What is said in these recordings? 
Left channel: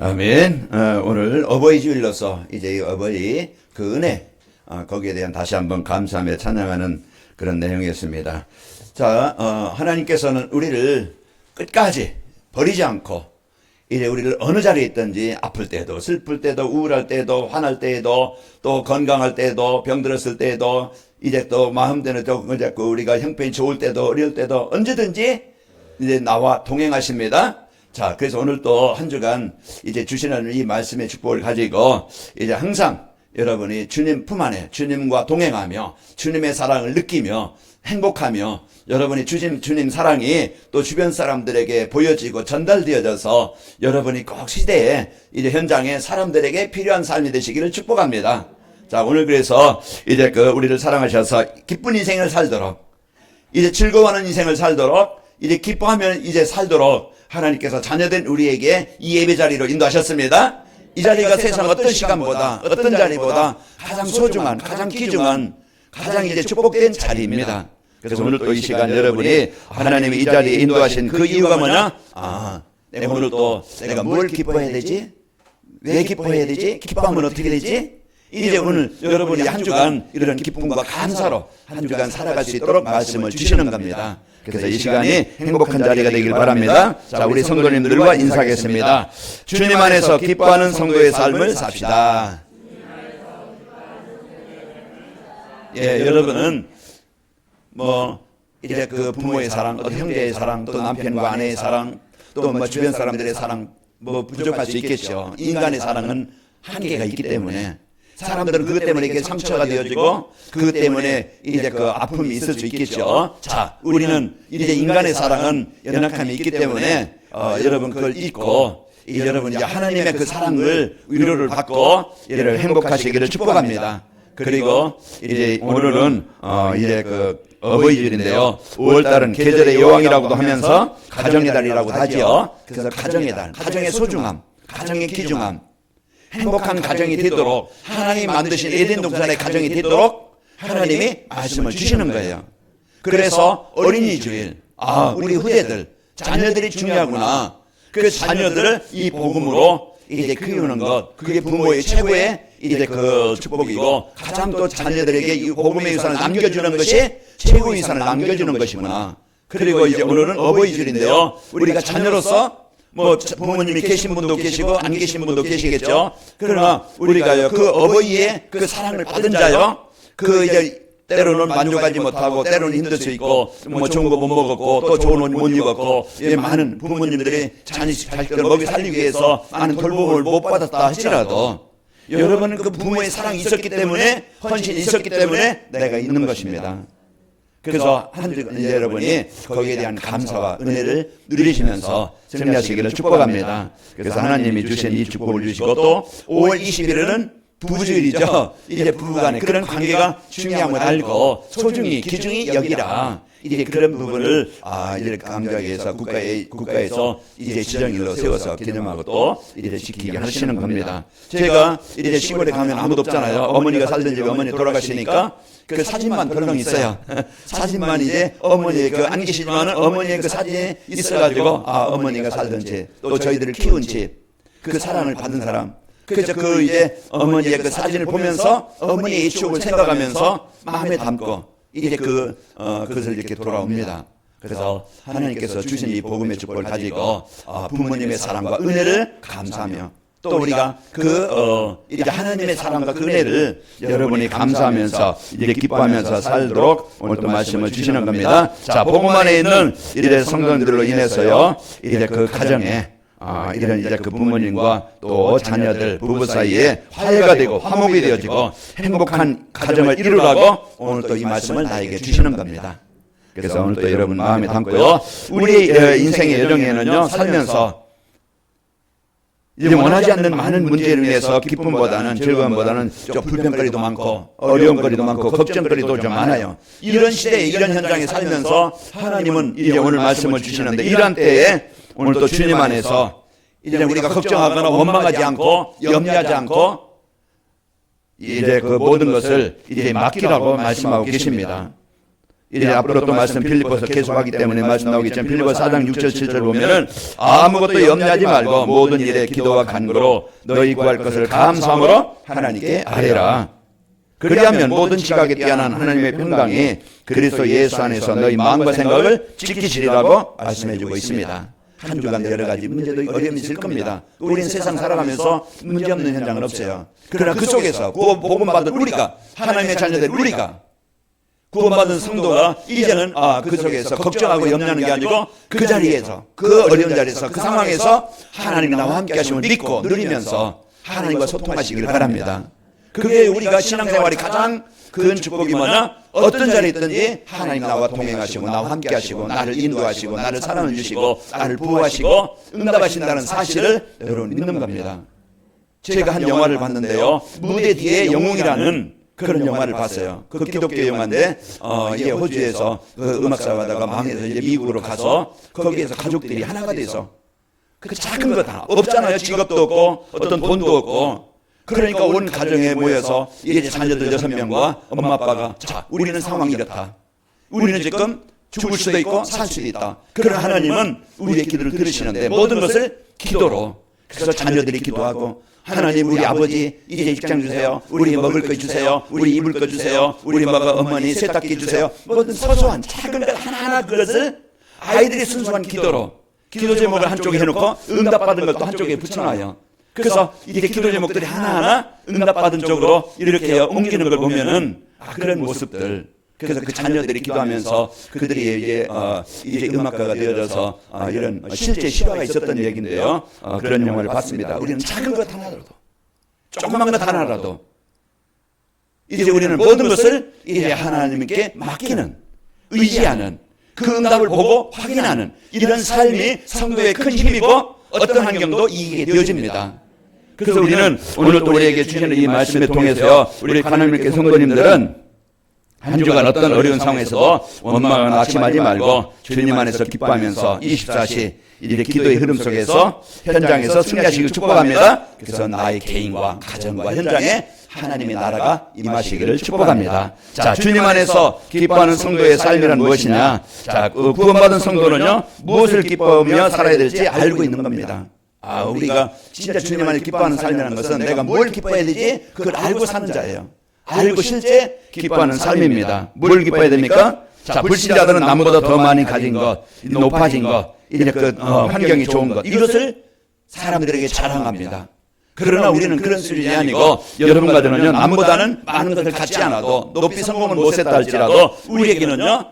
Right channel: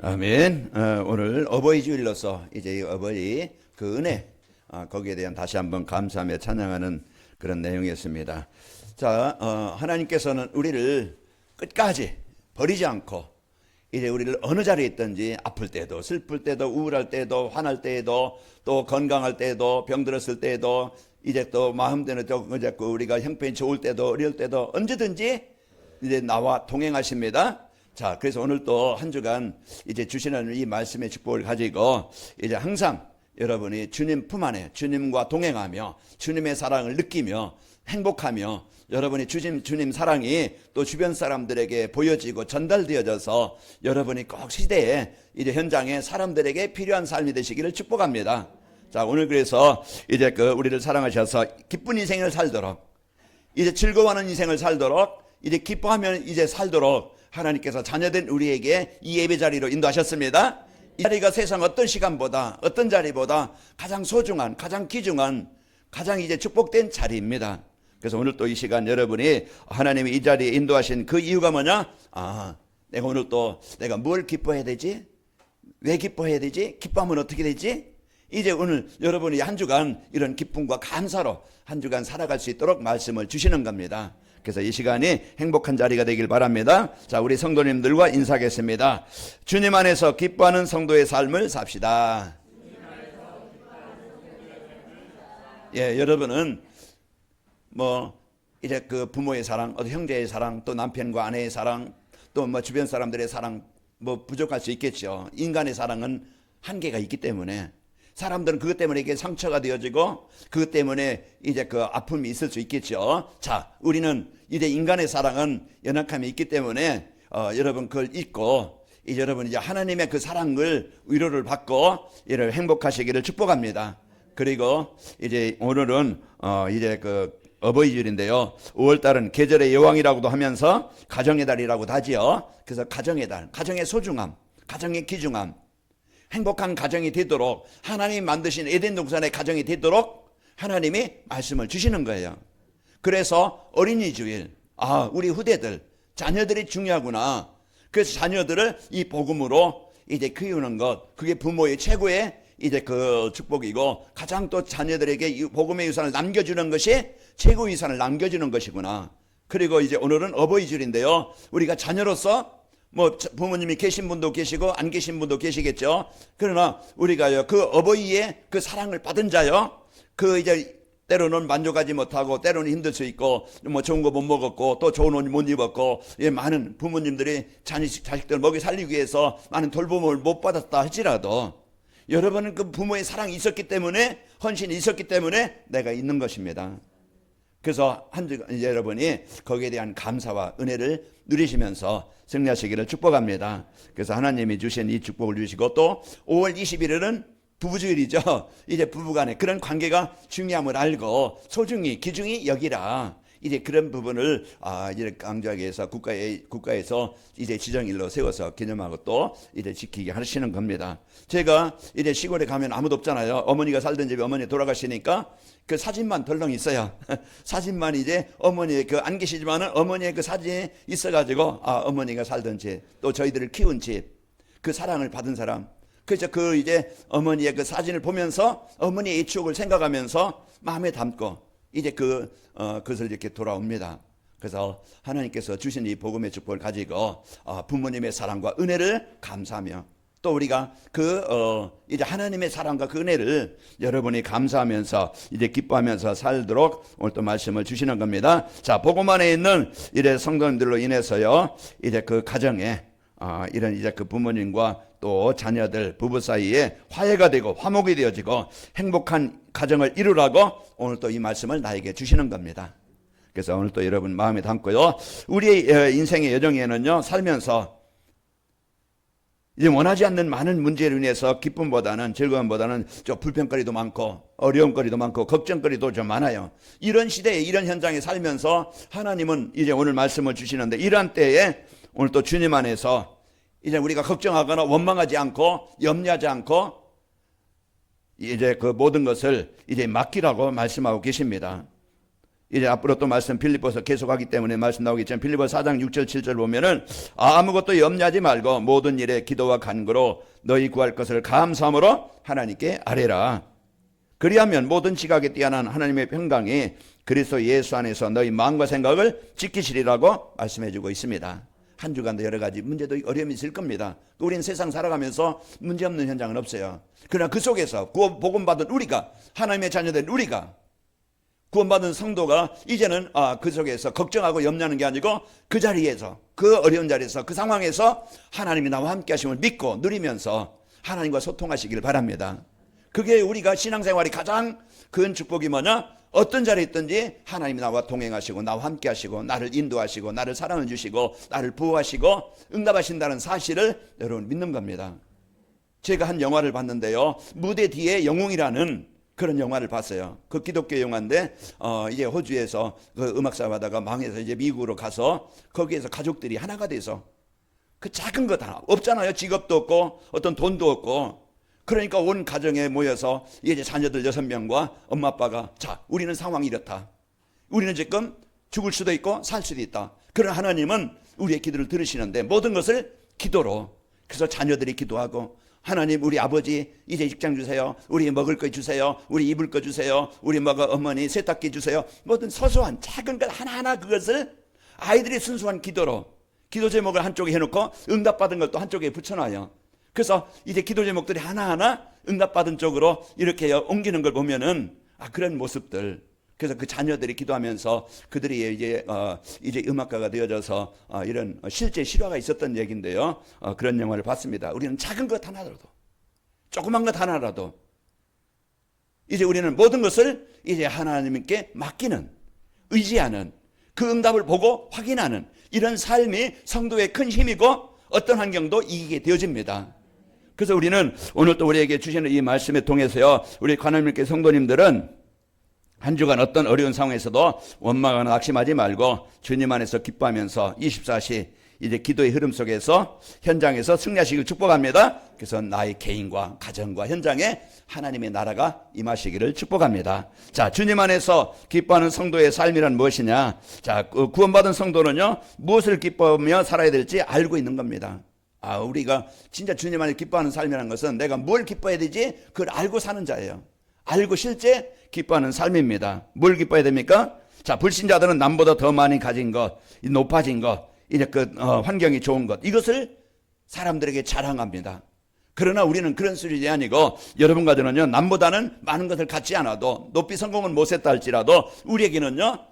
아멘. 오늘 어버이 주일로서 이제 이 어버이 그 은혜 거기에 대한 다시 한번 감사하며 찬양하는 그런 내용이었습니다. 자, 하나님께서는 우리를 끝까지 버리지 않고 이제 우리를 어느 자리에 있든지 아플 때도 슬플 때도 우울할 때도 화날 때에도 또 건강할 때도 병들었을 때도 이제 또 마음대로 또 우리가 형편이 좋을 때도 어려울 때도 언제든지 이제 나와 동행하십니다. 자, 그래서 오늘 또 한 주간 이제 주시는 이 말씀의 축복을 가지고 이제 항상 여러분이 주님 품 안에 주님과 동행하며 주님의 사랑을 느끼며 행복하며 여러분이 주님 사랑이 또 주변 사람들에게 보여지고 전달되어져서 여러분이 꼭 시대에 이제 현장에 사람들에게 필요한 삶이 되시기를 축복합니다. 자, 오늘 그래서 이제 우리를 사랑하셔서 기쁜 인생을 살도록 이제 즐거워하는 인생을 살도록 이제 기뻐하며 이제 살도록 하나님께서 자녀된 우리에게 이 예배 자리로 인도하셨습니다. 이 자리가 세상 어떤 시간보다 어떤 자리보다 가장 소중한 가장 귀중한 가장 이제 축복된 자리입니다. 그래서 오늘 또 이 시간 여러분이 하나님이 이 자리에 인도하신 그 이유가 뭐냐? 내가 오늘 또 내가 뭘 기뻐해야 되지? 왜 기뻐해야 되지? 기뻐하면 어떻게 되지? 이제 오늘 여러분이 한 주간 이런 기쁨과 감사로 한 주간 살아갈 수 있도록 말씀을 주시는 겁니다. 그래서 이 시간이 행복한 자리가 되길 바랍니다. 자, 우리 성도님들과 인사하겠습니다. 주님 안에서 기뻐하는 성도의 삶을 삽시다. 예, 여러분은 이제 그 부모의 사랑, 형제의 사랑, 또 남편과 아내의 사랑, 또 주변 사람들의 사랑 부족할 수 있겠죠. 인간의 사랑은 한계가 있기 때문에 사람들은 그것 때문에 이게 상처가 되어지고 그것 때문에 이제 그 아픔이 있을 수 있겠죠. 자, 우리는 이제 인간의 사랑은 연약함이 있기 때문에 여러분 그걸 잊고 여러분 이제 하나님의 그 사랑을 위로를 받고 이를 행복하시기를 축복합니다. 그리고 이제 오늘은 이제 그 어버이주일인데요. 5월달은 계절의 여왕이라고 하면서 가정의 달이라고 하지요. 그래서 가정의 달, 가정의 소중함, 가정의 귀중함, 행복한 가정이 되도록 하나님이 만드신 에덴 동산의 가정이 되도록 하나님이 말씀을 주시는 거예요. 그래서 어린이 주일, 우리 후대들, 자녀들이 중요하구나. 그래서 자녀들을 이 복음으로 이제 키우는 것, 그게 부모의 최고의 이제 그 축복이고 가장 또 자녀들에게 이 복음의 유산을 남겨주는 것이 최고의 유산을 남겨주는 것이구나. 그리고 이제 오늘은 어버이주일인데요. 우리가 자녀로서 부모님이 계신 분도 계시고 안 계신 분도 계시겠죠. 그러나 우리가 그 어버이의 그 사랑을 받은 자요. 그 이제 때로는 만족하지 못하고 때로는 힘들 수 있고 좋은 거 못 먹었고 또 좋은 옷 못 입었고 많은 부모님들이 자식들을 먹이 살리기 위해서 많은 돌봄을 못 받았다 하시라도 여러분은 그 부모의 사랑이 있었기 때문에 헌신이 있었기 때문에 내가 있는 것입니다. 그래서 한 주 여러분이 거기에 대한 감사와 은혜를 누리시면서 승리하시기를 축복합니다. 그래서 하나님이 주신 이 축복을 주시고 또 5월 21일은 부부주일이죠. 이제 부부간의 그런 관계가 중요함을 알고 소중히 귀중히 여기라. 이제 그런 부분을 이제 강조하기 위해서 국가에서 이제 지정일로 세워서 기념하고 또 이제 지키게 하시는 겁니다. 제가 이제 시골에 가면 아무도 없잖아요. 어머니가 살던 집에 어머니 돌아가시니까 그 사진만 덜렁 있어요. 사진만 이제 어머니 안 계시지만 어머니의 그 사진이 있어가지고 어머니가 살던 집, 또 저희들을 키운 집, 그 사랑을 받은 사람. 그래서 그 이제 어머니의 그 사진을 보면서 어머니의 추억을 생각하면서 마음에 담고 이제 그것을 이렇게 돌아옵니다. 그래서 하나님께서 주신 이 복음의 축복을 가지고 부모님의 사랑과 은혜를 감사하며 또 우리가 이제 하나님의 사랑과 그 은혜를 여러분이 감사하면서 이제 기뻐하면서 살도록 오늘 또 말씀을 주시는 겁니다. 자, 복음 안에 있는 이제 성도들로 인해서요, 이제 그 가정에 이런 이제 그 부모님과 또 자녀들 부부 사이에 화해가 되고 화목이 되어지고 행복한 가정을 이루려고 오늘 또 이 말씀을 나에게 주시는 겁니다. 그래서 오늘 또 여러분 마음에 담고요. 우리 인생의 여정에는요, 살면서 이제 원하지 않는 많은 문제에 인해서 기쁨보다는 즐거움보다는 좀 불평거리도 많고 어려운 거리도 많고 걱정거리도 좀 많아요. 이런 시대에 이런 현장에 살면서 하나님은 이제 오늘 말씀을 주시는데 이러한 때에 오늘 또 주님 안에서 이제 우리가 걱정하거나 원망하지 않고 염려하지 않고 이제 그 모든 것을 이제 맡기라고 말씀하고 계십니다. 이제 앞으로 또 말씀 빌립보서 계속하기 때문에 말씀 나오겠지만 빌립보 4장 6절 7절을 보면은 아무것도 염려하지 말고 모든 일에 기도와 간구로 너희 구할 것을 감사함으로 하나님께 아뢰라. 그리하면 모든 지각에 뛰어난 하나님의 평강이 그리스도 예수 안에서 너희 마음과 생각을 지키시리라고 말씀해주고 있습니다. 한 주간 여러 가지 문제도 어려움이 있을 겁니다. 우리는 세상 살아가면서 문제없는 현장은 없어요. 그러나 그 속에서 구원받은 우리가, 하나님의 자녀들 우리가, 구원받은 성도가 이제는 그 속에서 걱정하고 염려하는 게 아니고 그 자리에서, 그 어려운 자리에서, 그 상황에서 하나님 나와 함께 하심을 믿고 누리면서 하나님과 소통하시기를 바랍니다. 그게 우리가 신앙생활이 가장 큰 축복이 뭐냐? 어떤 자리에 있든지 하나님 나와 동행하시고 나와 함께 하시고 나를 인도하시고 나를 사랑해 주시고 나를 보호하시고 응답하신다는 사실을 여러분 믿는 겁니다. 제가 한 영화를 봤는데요. 무대 뒤에 영웅이라는 그런 영화를 봤어요. 그 기독교 영화인데 이제 호주에서 그 음악사로 하다가 망해서 이제 미국으로 가서 거기에서 가족들이 하나가 돼서 그 작은 거 다 없잖아요. 직업도 없고 어떤 돈도 없고 그러니까 온 가정에 모여서 이제 자녀들 6명과 엄마 아빠가 자 우리는 상황이 이렇다. 우리는 지금 죽을 수도 있고 살 수도 있다. 그러나 하나님은 우리의 기도를 들으시는데 모든 것을 기도로. 그래서 자녀들이 기도하고 하나님 우리 아버지 이제 입장 주세요. 우리 먹을 거 주세요. 우리 입을 거 주세요. 우리 어머니 세탁기 주세요. 모든 소소한 작은 것 하나하나 그것을 아이들의 순수한 기도로 기도 제목을 한쪽에 해놓고 응답받은 것도 한쪽에 붙여놔요. 그래서 이제 기도 제목들이 하나하나 응답받은 쪽으로 이렇게 옮기는 걸 보면은 그런 모습들. 그래서 그 자녀들이 기도하면서 그들이 이제 음악가가 되어서 이런 실제 실화가 있었던 얘기인데요. 그런 영화를 봤습니다. 우리는 작은 것 하나라도, 조그만 것 하나라도 이제 우리는 모든 것을 이제 하나님께 맡기는, 의지하는, 그 응답을 보고 확인하는 이런 삶이 성도의 큰 힘이고 어떤 환경도 이기게 되어집니다. 그래서 우리는 오늘 또 우리에게 주시는 이 말씀에 통해서요, 우리 하나님께 성도님들은 한 주간 어떤 어려운 상황에서도 원망을 낙심하지 말고 주님 안에서 기뻐하면서 24시 이제 기도의 흐름 속에서 현장에서 승리하시길 축복합니다. 그래서 나의 개인과 가정과 현장에 하나님의 나라가 임하시기를 축복합니다. 자, 주님 안에서 기뻐하는 성도의 삶이란 무엇이냐? 자, 구원받은 성도는요, 무엇을 기뻐하며 살아야 될지 알고 있는 겁니다. 우리가 진짜 주님 안에 기뻐하는 삶이라는 것은 내가 뭘 기뻐해야 되지? 그걸 알고 사는 자예요. 알고 실제 기뻐하는 삶입니다. 뭘 기뻐해야 됩니까? 자, 불신자들은 남보다 더 많이 가진 것, 높아진 것, 이제 환경이 좋은 것, 이것을 사람들에게 자랑합니다. 그러나 우리는 그런 수준이 아니고 여러분과는 남보다는 많은 것을 갖지 않아도 높이 성공은 못했다 할지라도 우리에게는요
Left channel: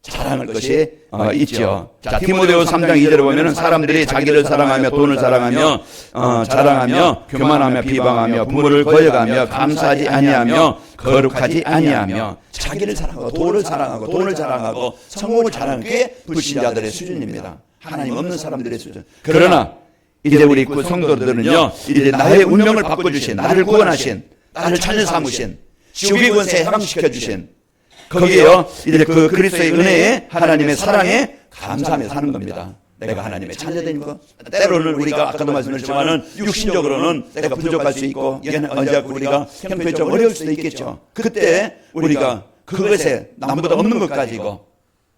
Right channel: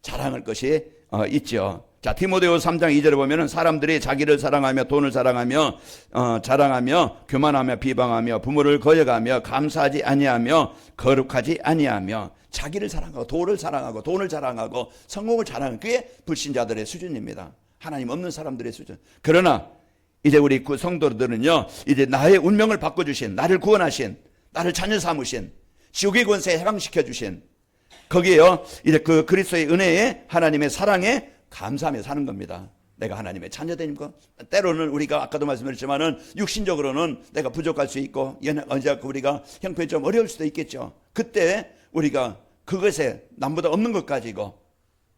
자랑할 것이 있죠. 자, 디모데후서 3장 2절에 보면은 사람들이 자기를 사랑하며 돈을 사랑하며 자랑하며 교만하며 비방하며 부모를 거역하며 감사하지 아니하며 거룩하지 아니하며 자기를 사랑하고 돈을 사랑하고 성공을 자랑하는 게 불신자들의 수준입니다. 하나님 없는 사람들의 수준. 그러나 이제 우리 성도들은요, 이제 나의 운명을 바꿔주신, 나를 구원하신, 나를 자녀 삼으신, 지옥의 권세에 해방시켜주신, 거기에요, 이제 그 그리스도의 은혜에 하나님의 사랑에 감사하며 사는 겁니다. 내가 하나님의 자녀된 것. 때로는 우리가 아까도 말씀드렸지만은 육신적으로는 내가 부족할 수 있고, 언제 우리가 형편적으로 어려울 수도 있겠죠. 그때 우리가 그것에 남보다 없는 것 가지고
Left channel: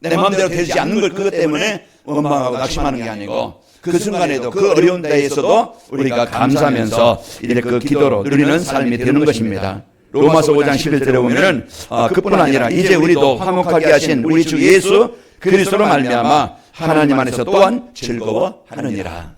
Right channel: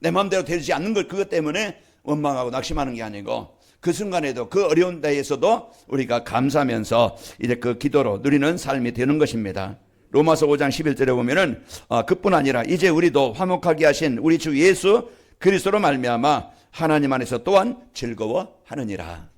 내 마음대로 되지 않는 걸 그것 때문에 원망하고 낙심하는 게 아니고 그 순간에도 그 어려운 데에서도 우리가 감사하면서 이제 그 기도로 누리는 삶이 되는 것입니다. 로마서 5장 11절에 보면은 그뿐 아니라 이제 우리도 화목하게 하신 우리 주 예수 그리스도로 말미암아 하나님 안에서 또한 즐거워하느니라.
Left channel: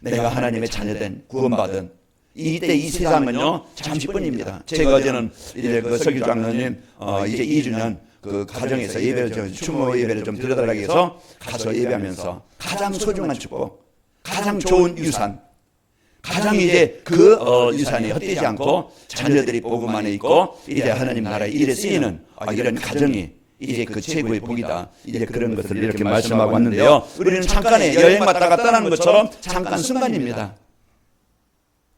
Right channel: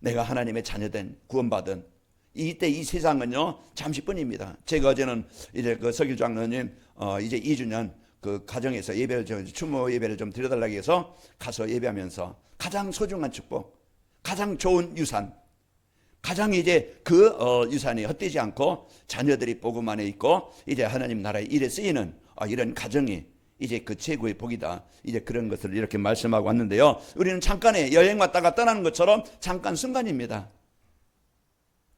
내가 하나님의 자녀된 구원받은 이때 이 세상은요 잠시뿐입니다. 제가 어제는 이제 그 설교 장로님 이제 2주년 그 가정에서 예배를 추모 예배를 좀 드려달라고 해서 가서 예배하면서 가장 소중한 축복, 가장 좋은 유산, 가장 이제 그 유산이 헛되지 않고 자녀들이 복음 안에 있고 이제 하나님 나라에 일에 쓰이는 이런 가정이 이제 그 최고의 복이다. 이제 그런 것들을 이렇게 말씀하고 왔는데요. 우리는 잠깐의 여행 왔다가 떠나는 것처럼 잠깐 순간입니다.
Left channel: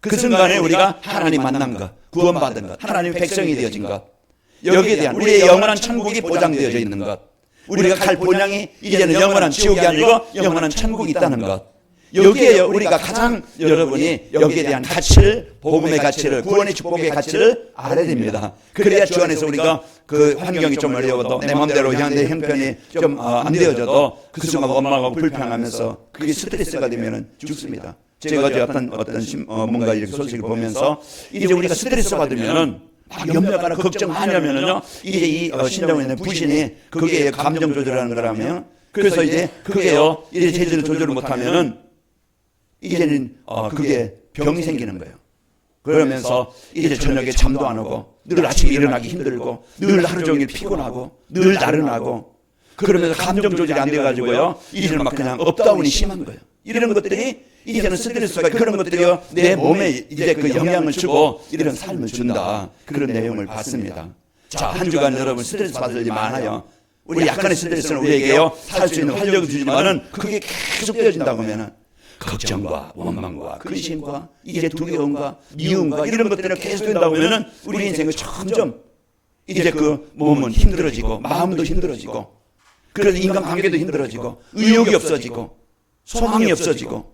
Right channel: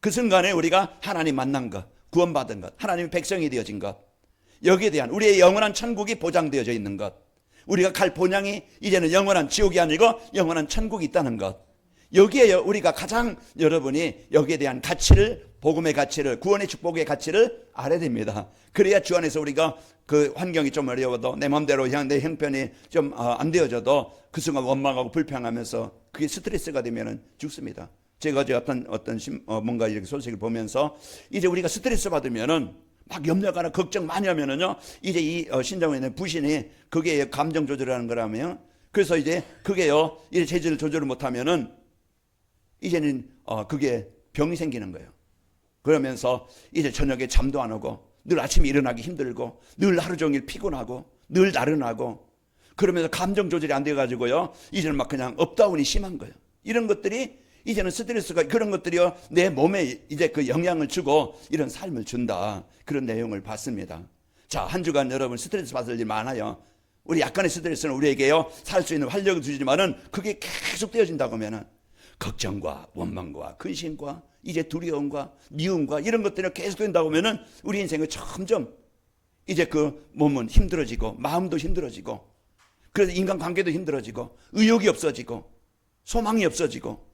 그 순간에 우리가 하나님 만난 것, 구원받은 것, 하나님 백성이 되어진 것, 여기에 대한 우리의 영원한 천국이 보장되어져 있는 것, 우리가 갈 본향이 이제는 영원한 지옥이 아니고 영원한 천국이 있다는 것, 여기에 우리가 가장 여러분이 여기에 대한 가치를, 복음의 가치를, 구원의 축복의 가치를 알아야 됩니다. 그래야 주 안에서 우리가 그 환경이 좀 어려워도 내 마음대로 그냥 내 형편이 좀 안 되어져도 그 순간 원망하고 불평하면서 그게 스트레스가 되면 죽습니다. 제가 어제 뭔가 이 소식을 보면서 이제 우리가 스트레스 받으면은 막 염려하거나 걱정하려면요, 이제 이 신정의 부신이 그게 감정 조절하는 거라면, 그래서 이제 그게요, 이제 제대로 조절을 못하면은 이제는 그게 병이 생기는 거예요. 그러면서 이제 저녁에 잠도 안 오고, 늘 아침에 일어나기 힘들고, 늘 하루 종일 피곤하고, 늘 나른하고, 그러면서 감정 조절이 안 돼가지고요, 이제는 막 그냥 업다운이 심한 거예요. 이런 것들이 이제는 스트레스가, 그런 것들이요 내 몸에 이제 그 영향을 주고 이런 삶을 준다, 그런 내용을 봤습니다. 자, 한 주간 여러분 스트레스 받을 일이 많아요. 우리 약간의 스트레스는 우리에게요 살 수 있는 활력을 주지만은 그게 계속 되어진다 보면은 걱정과 원망과 근심과 이제 두려움과 미움과 이런 것들이 계속 된다 보면은 우리 인생은 점점 이제 그 몸은 힘들어지고 마음도 힘들어지고 그런 인간관계도 힘들어지고 의욕이 없어지고 소망이 없어지고,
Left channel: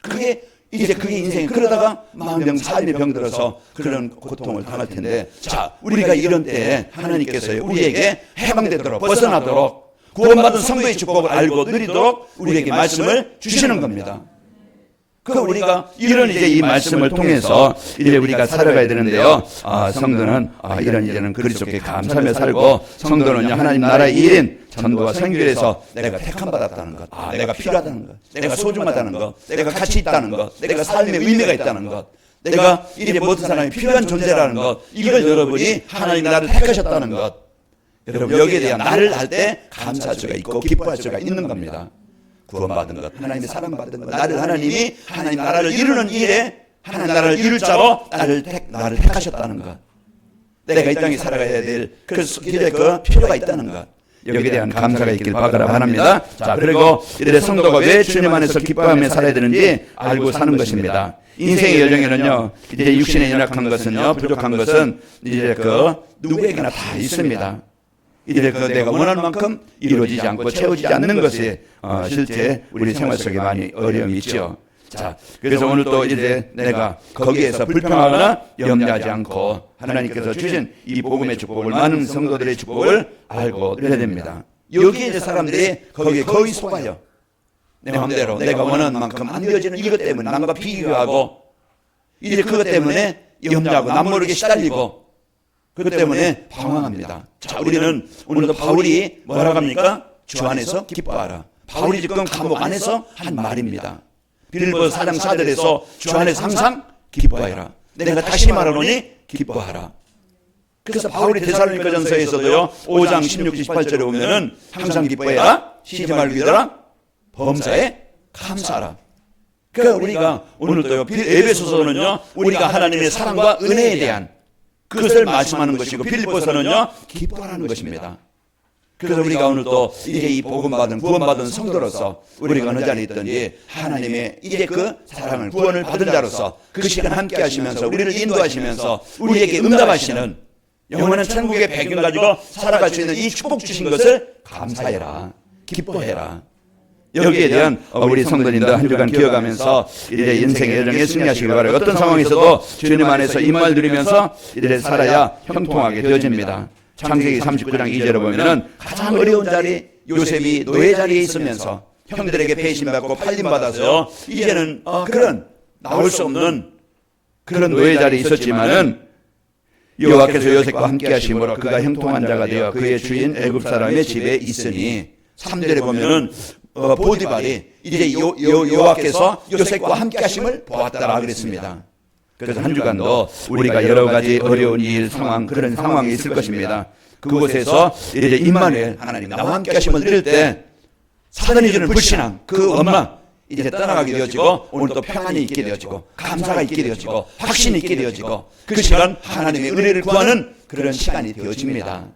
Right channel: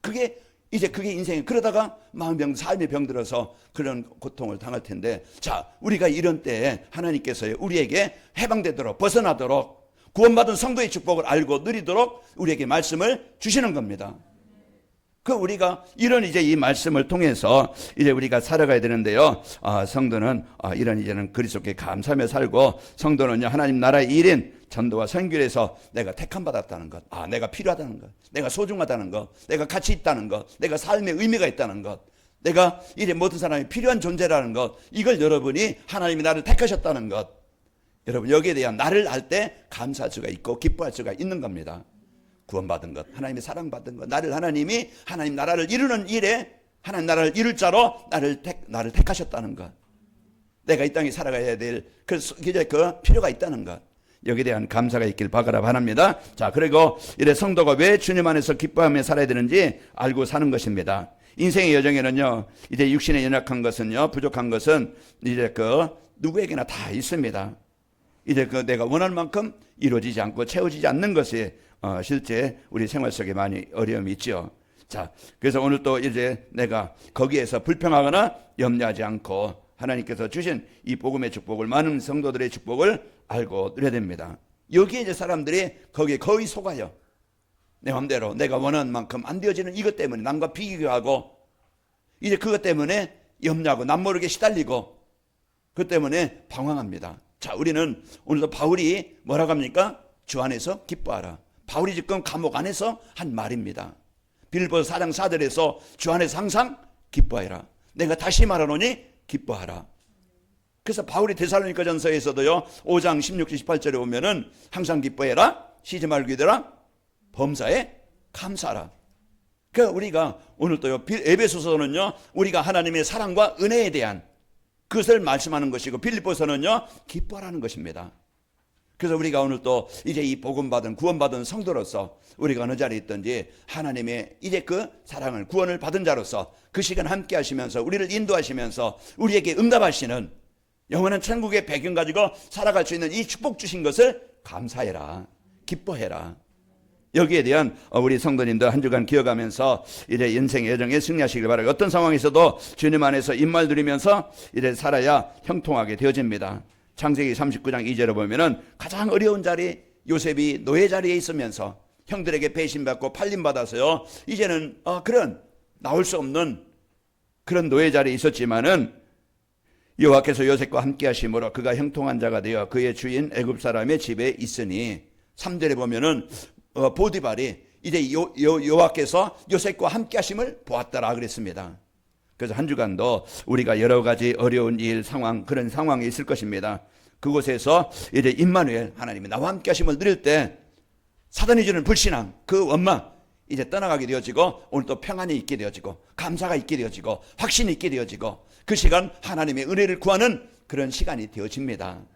그게 이제 그 인생, 그러다가 마음병, 삶의 병들어서 그런 고통을 당할 텐데, 자, 우리가 이런 때 하나님께서 우리에게 해방되도록, 벗어나도록, 구원받은 성도의 축복을 알고 누리도록 우리에게 말씀을 주시는 겁니다. 그 우리가 이런 이제 이 말씀을 통해서 이제 우리가 살아가야 되는데요. 성도는 이런 그리스도께 감사하며 살고, 성도는 하나님 나라의 일인 전도와 선교에서 내가 택함 받았다는 것, 내가 필요하다는 것, 내가 소중하다는 것, 내가 가치 있다는 것, 내가 삶의 의미가 있다는 것, 내가 이제 모든 사람이 필요한 존재라는 것, 이걸 여러분이 하나님 나라를 택하셨다는 것, 여러분 여기에 대한 나를 알 때 감사할 수가 있고 기뻐할 수가 있는 겁니다. 구원받는 것, 하나님 사랑받는 것, 나를 하나님이 하나님 나라를 이루는 일에 하나님 나라를 이룰 자로 나를 택하셨다는 것, 내가 이 땅에 살아가야 될 그 필요가 있다는 것, 여기에 대한 감사가 있길 바랍니다. 자, 그리고 이래 성도가 왜 주님 안에서 기뻐하며 살아야 되는지 알고 사는 것입니다. 인생의 여정에는요, 이제 육신에 연약한 것은요, 부족한 것은 이제 누구에게나 다 있습니다. 이제 내가 원하는 만큼 이루어지지 않고 채워지지 않는 것이 실제 우리 생활 속에 많이 어려움이 있죠. 자, 그래서 오늘 또 이제 내가 거기에서 불평하거나 염려하지 않고 하나님께서 주신 이 복음의 축복을, 많은 성도들의 축복을 알고 누려야 됩니다. 여기에 이제 사람들이 거기에 거의 속아요. 내 마음대로 내가 원하는 만큼 안 되어지는 이것 때문에 남과 비교하고, 이제 그것 때문에 염려하고 남 모르게 시달리고, 그것 때문에 방황합니다. 자, 우리는 오늘도 바울이 뭐라고 합니까? 주 안에서 기뻐하라. 바울이 지금 감옥 안에서 한 말입니다. 빌보 사장 사절에서 주 안에서 항상 기뻐하라. 내가 다시 말하노니 기뻐하라. 그래서 바울이 데살로니가전서에서도요 5장 16, 18절에 보면은 항상 기뻐해라, 쉬지 말고 기도하라, 범사에 감사하라. 그러니까 우리가 오늘도요 에베소서는요 우리가 하나님의 사랑과 은혜에 대한 그것을 말씀하는 것이고, 빌립보서는요 기뻐하는 것입니다. 그래서 우리가 오늘도 이제 이 복음받은 구원받은 성도로서 우리가 어느 자리에 있든지 하나님의 이제 그 사랑을, 구원을 받은 자로서 그 시간 함께 하시면서 우리를 인도하시면서 우리에게 응답하시는 영원한 천국의 배경 가지고 살아갈 수 있는 이 축복 주신 것을 감사해라, 기뻐해라. 여기에 대한 우리 성도님들 한 주간 기억하면서 이제 인생의 여정에 승리하시길 바라고, 어떤 상황에 있어도 주님 안에서 입만 들이면서 이제 살아야 형통하게 되어집니다. 창세기 39장 2절에 보면은 가장 어려운 자리, 요셉이 노예 자리에 있으면서 형들에게 배신받고 팔림받아서요 이제는 그런 나올 수 없는 그런 노예 자리에 있었지만은 여호와께서 요셉과 함께 하심으로 그가 형통한 자가 되어 그의 주인 애굽 사람의 집에 있으니, 3절에 보면은 보디발이 이제 여호와께서 요셉과 함께 하심을 보았다라고 그랬습니다. 그래서 한 주간도 우리가 여러 가지 어려운 일, 상황, 그런 상황이 있을 것입니다. 그곳에서 이제 임마누엘 하나님이 나와 함께 하심을 드릴 때 사단이 주는 불신앙, 그 원망 이제 떠나가게 되어지고, 오늘도 평안이 있게 되어지고, 감사가 있게 되어지고, 확신이 있게 되어지고, 그 시간 하나님의 은혜를 구하는 그런 시간이 되어집니다.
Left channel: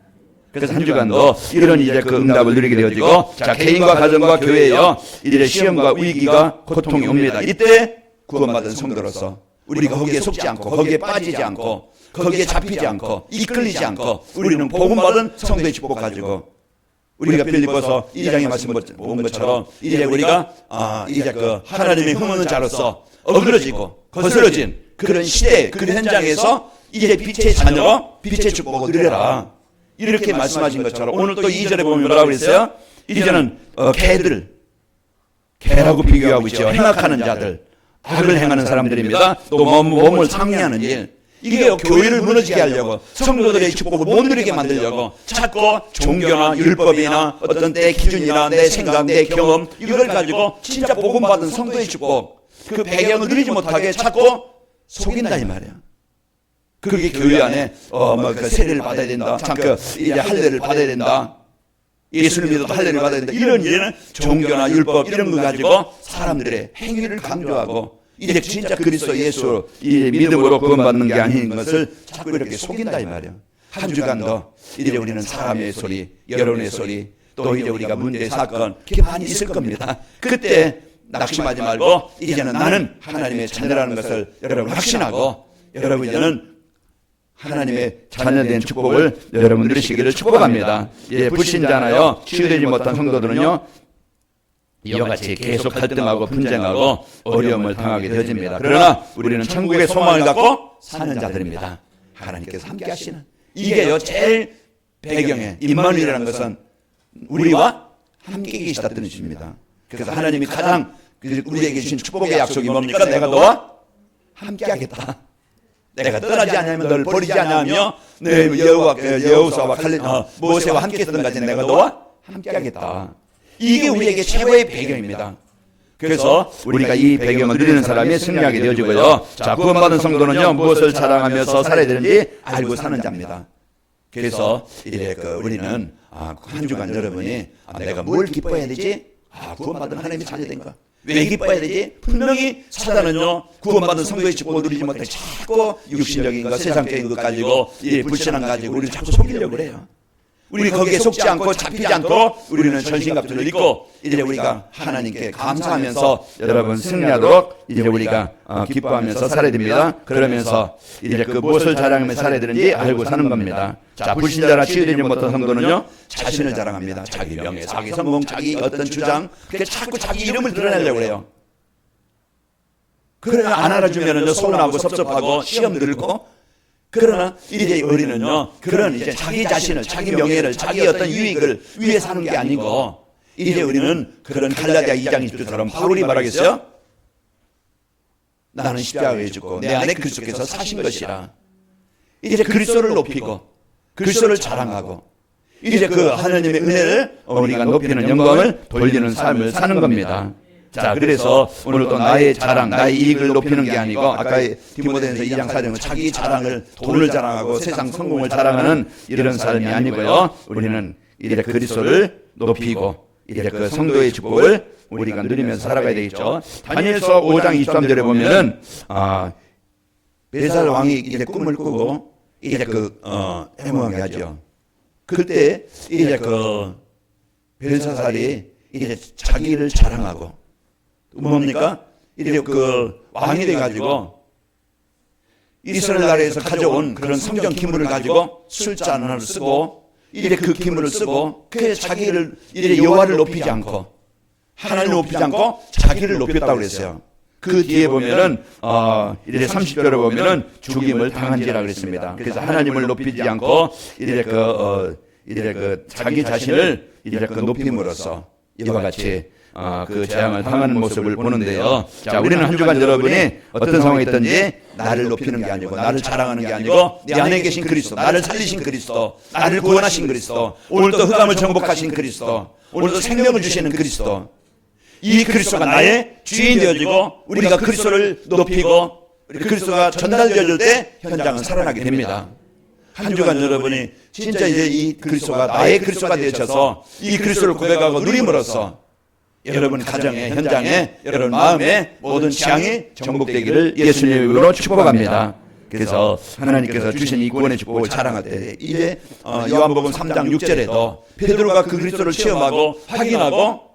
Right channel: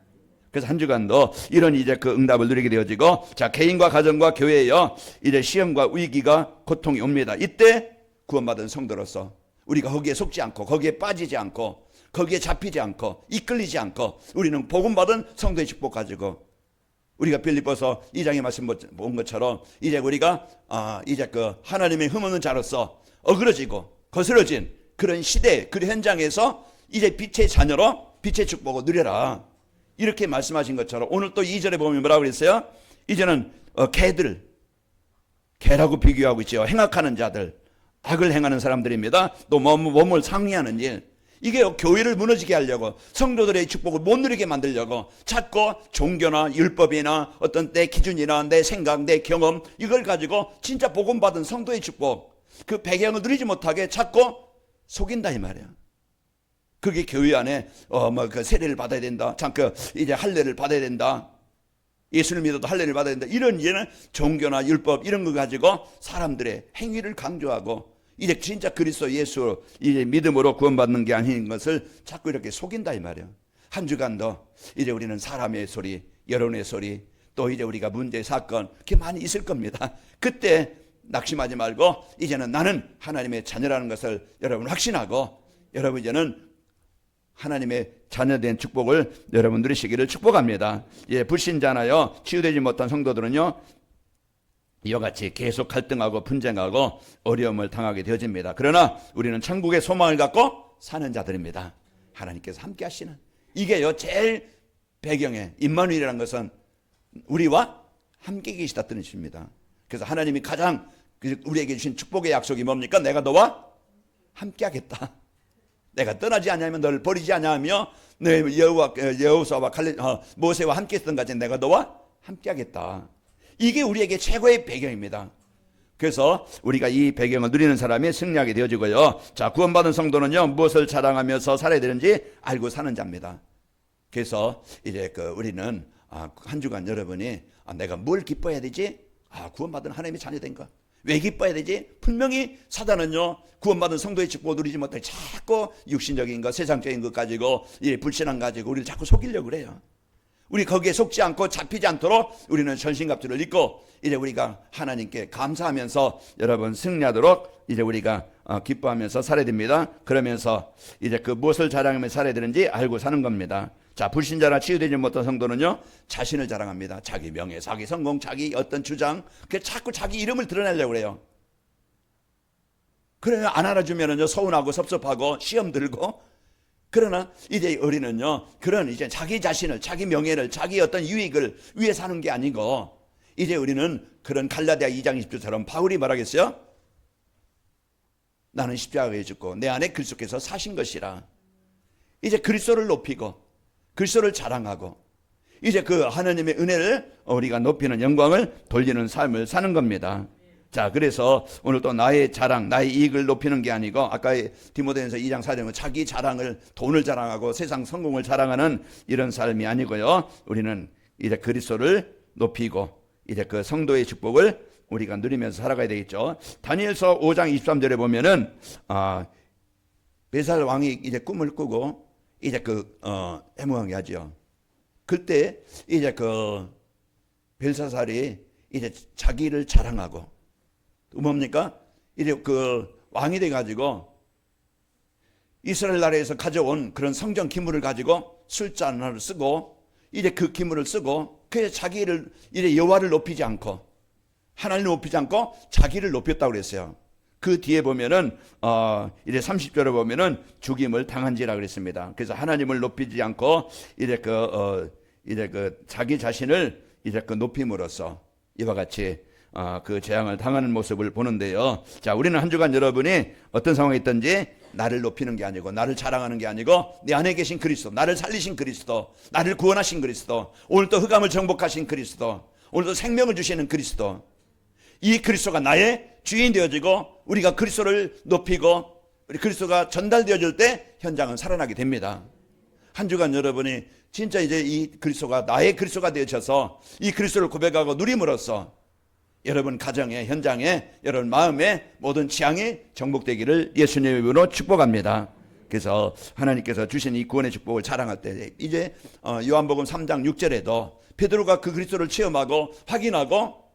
그래서 한 주간도 이런 이제 그 응답을 누리게 되어지고, 자, 개인과 가정과 교회에요 이제 시험과 위기가 고통이 옵니다. 이때 구원받은 성도로서 우리가 거기에 속지 않고, 거기에 빠지지 않고, 거기에 잡히지 않고, 이끌리지 않고, 우리는 복음받은 성도의 축복 가지고 우리가 빌립보서 2장에 말씀 본 것처럼 이제 우리가 이제 그 하나님의 형언자로서 어그러지고 거스러진 그런 시대 그 현장에서 이제 빛의 자녀로 빛의 축복을 누려라 이렇게 말씀하신 것처럼 오늘 또 2절에 보면 뭐라고 그랬어요? 이제는 개하고 비교하고 있죠. 행악하는 자들, 악을 행하는 사람들입니다. 또 몸을 상리하는 일, 이게 교회를 무너지게 하려고 성도들의 축복을 못 누리게 만들려고 자꾸 종교나 율법이나 어떤 내 기준이나 내 생각, 내 경험 이걸 가지고 진짜 복음받은 성도의 축복 그 배경을 누리지 못하게 자꾸 속인다 이 말이에요. 그게 교회 안에 그 세례를 받아야 된다. 이제 할례를 받아야 된다. 예수를 믿어도 할례를 받아야 된다. 이런 종교나 율법 이런 거 가지고 사람들의 행위를 강조하고 이제 진짜 그리스도 예수 이 믿음으로 구원받는 게 아닌 것을 자꾸 이렇게 속인다 이 말이에요. 한 주간도 이제 우리는 사람의 소리, 여론의 소리, 또 이제 우리가 문제 사건 이렇게 많이 있을 겁니다. 그때 낙심하지 말고 이제는 나는 하나님의 자녀라는 것을 여러분 확신하고 여러분 이제는 하나님의 자녀된 축복을 여러분 누리시기를 축복합니다. 예, 불신자나요 치유되지 못한 성도들은요 이와 같이 계속 갈등하고 분쟁하고 어려움을 당하게 되어집니다. 그러나 우리는 천국의 소망을 갖고 사는 자들입니다. 하나님께서 함께 하시는 이게요 제일 배경에 임마누엘이라는 것은 우리와 함께 계시다는 뜻입니다. 그래서 하나님이 가장 우리에게 주신 축복의 약속이 뭡니까? 내가 너와 함께 하겠다. 내가 떠나지 않으면 너를 버리지 않으며 내 여호수아와 모세와 함께 했던 것까지 내가 너와 함께 하겠다. 이게 우리에게 최고의 배경입니다. 그래서 우리가 이 배경을 누리는 사람이 승리하게 되어지고요. 자, 구원받은 성도는요 무엇을 자랑하면서 살아야 되는지 알고 사는 자입니다. 그래서 이제 우리는 한 주간 여러분이 내가 뭘 기뻐해야 되지? 구원받은 하나님의 자녀인가? 왜 기뻐해야 되지? 분명히 사단은요 구원받은 성도의 축복을 누리지 못해 자꾸 육신적인 것, 세상적인 것 가지고 불신앙 가지고 우리를 자꾸 속이려고 그래요. 우리 거기에 속지 않고 잡히지 않도록 우리는 전신갑주를 입고 이제 우리가 하나님께 감사하면서 여러분 승리하도록 이제 우리가 기뻐하면서 살아야 됩니다. 그러면서 이제 무엇을 자랑하며 살아야 되는지 알고 사는 겁니다. 자, 불신자나 치유되지 못한 성도는요 자신을 자랑합니다. 자기 명예, 자기 성공, 자기 어떤 주장 그게 자꾸 자기 이름을 드러내려고 해요. 그러나 안 알아주면 서운하고 섭섭하고 시험 들고 그러나 이제 우리는요 그런 이제 자기 자신을 자기 명예를 자기 어떤 유익을 위해서 하는 게 아니고 이제 우리는 그런 갈라디아 2장 20절처럼 바울이 말하겠어요. 나는 십자가에 죽고 내 안에 그리스도께서 사신 것이라. 이제 그리스도를 높이고 그리스도를 자랑하고 이제 그 하나님의 은혜를 우리가 높이는 영광을 돌리는 삶을 사는 겁니다. 자, 그래서 오늘도 나의 자랑, 나의 이익을 높이는 게 아니고 아까 디모데전서 2장 4절은 자기 자랑을 돈을 자랑하고 세상 성공을 자랑하는 이런 삶이 아니고요. 우리는 이제 그리스도를 높이고 이제 그 성도의 축복을 우리가 누리면서 살아가야 되겠죠. 다니엘서 5장 23절에 보면은 벨사살 왕이 이제 꿈을 꾸고 이제 해몽하게 하죠. 그때 이제 벨사살이 이제 자기를 자랑하고 뭡니까? 이제 왕이 돼가지고 이스라엘 나라에서 가져온 그런 성전 기물을 가지고 술잔을 쓰고 이제 그 기물을 쓰고 그 자기를 이제 여호와를 높이지 않고 하나님을 높이지 않고 자기를 높였다고 그랬어요. 그 뒤에 보면은 이제 30절에 보면은 죽임을 당한지라고 했습니다. 그래서 하나님을 높이지 않고 이제 자기 자신을 이제 높임으로써 이와 같이 그 재앙을 당하는 모습을 보는데요. 자, 우리는 한 주간 여러분이 어떤 상황이 있든지 나를 높이는 게 아니고 나를 자랑하는 게 아니고 내 안에 계신 그리스도, 나를 살리신 그리스도, 나를 구원하신 그리스도, 오늘도 흑암을 정복하신 그리스도, 오늘도 생명을 주시는 그리스도, 이 그리스도가 나의 주인이 되어지고 우리가 그리스도를 높이고 그리스도가 전달되어질 때 현장은 살아나게 됩니다. 한 주간 여러분이 진짜 이제 이 그리스도가 나의 그리스도가 되셔서 이 그리스도를 고백하고 누림으로써 여러분 가정에, 현장에, 여러분 마음에 모든 취향이 정복되기를 예수님의 이름으로 축복합니다. 그래서 하나님께서 주신 이 구원의 축복을 자랑하되 이제 요한복음 3장 6절에도 베드로가 그 그리스도를 체험하고 확인하고